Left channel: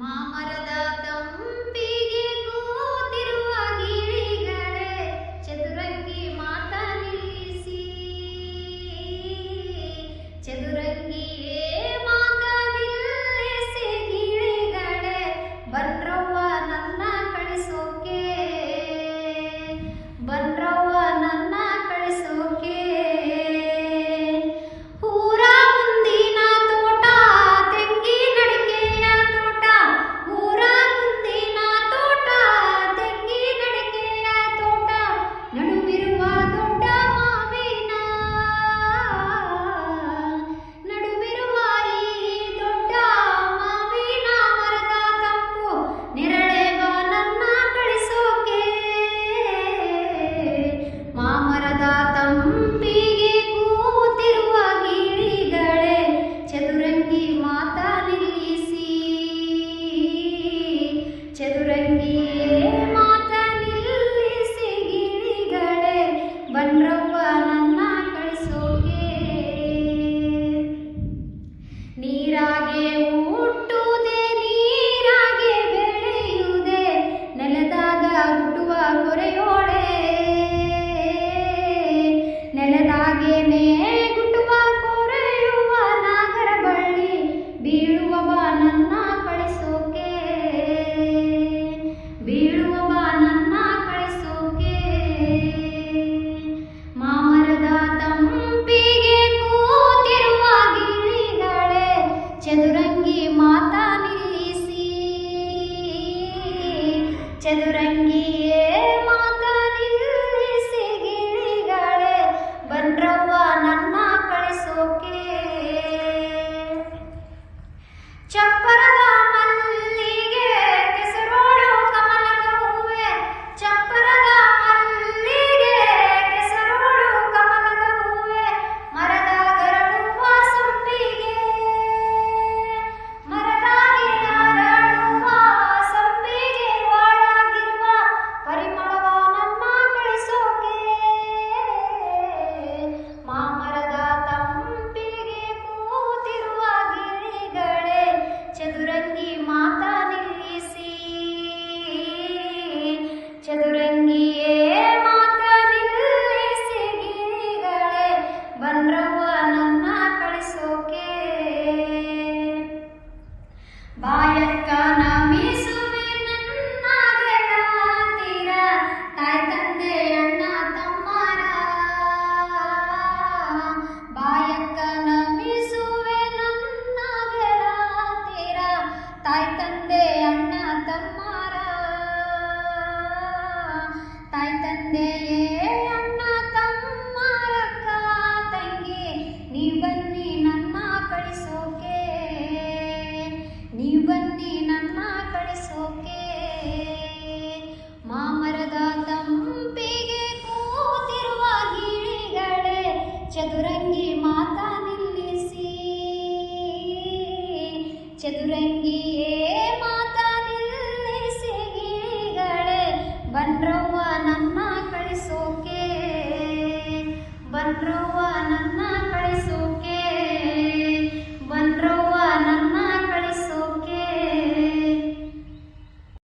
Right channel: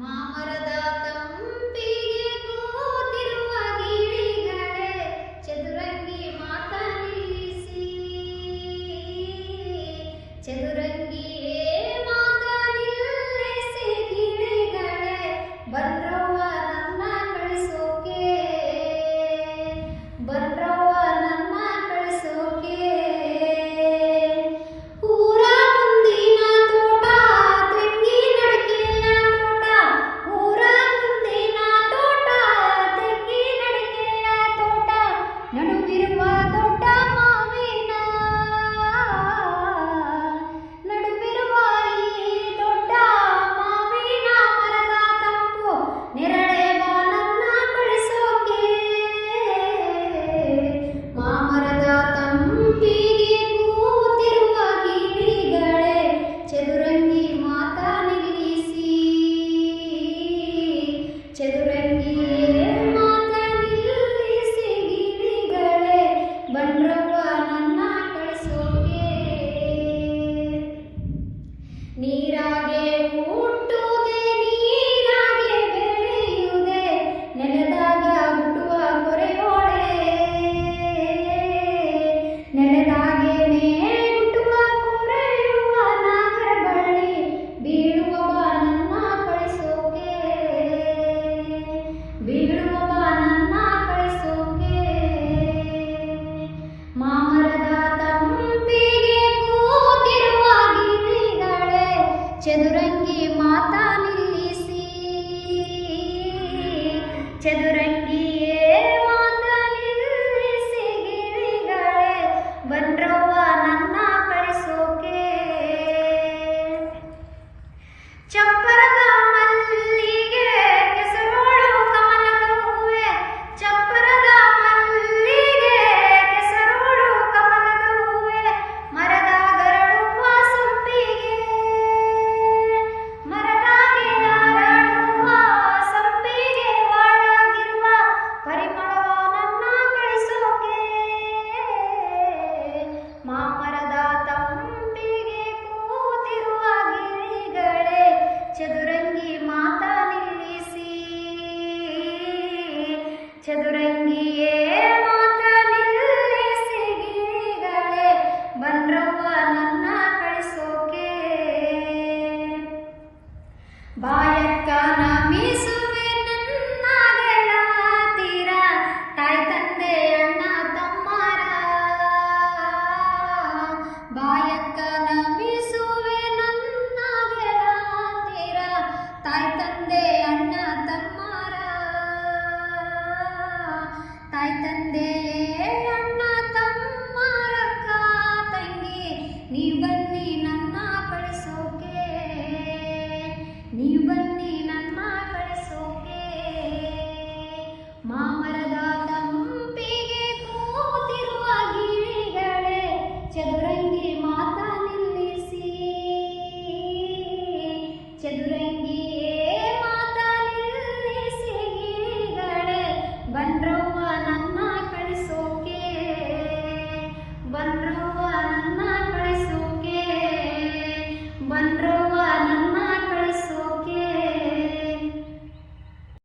ಮಾಮರದ ಬೀಳುವ ನನ್ನ ಕಳಿಸೋಕೆ ಮಾಮರದ ತಂಪಿಗೆ ಕೂತಿರುವ ಗಿಳಿಗಳೇ ಚದುರಂಗಿ ಮಾತಾ ನಿಲ್ಲಿಸಿ ಚದುರಂಗಿ ಚದುರಂಗಿ ಮಾತಾ ನಿಲ್ಲಿಸಿ ಚದುರ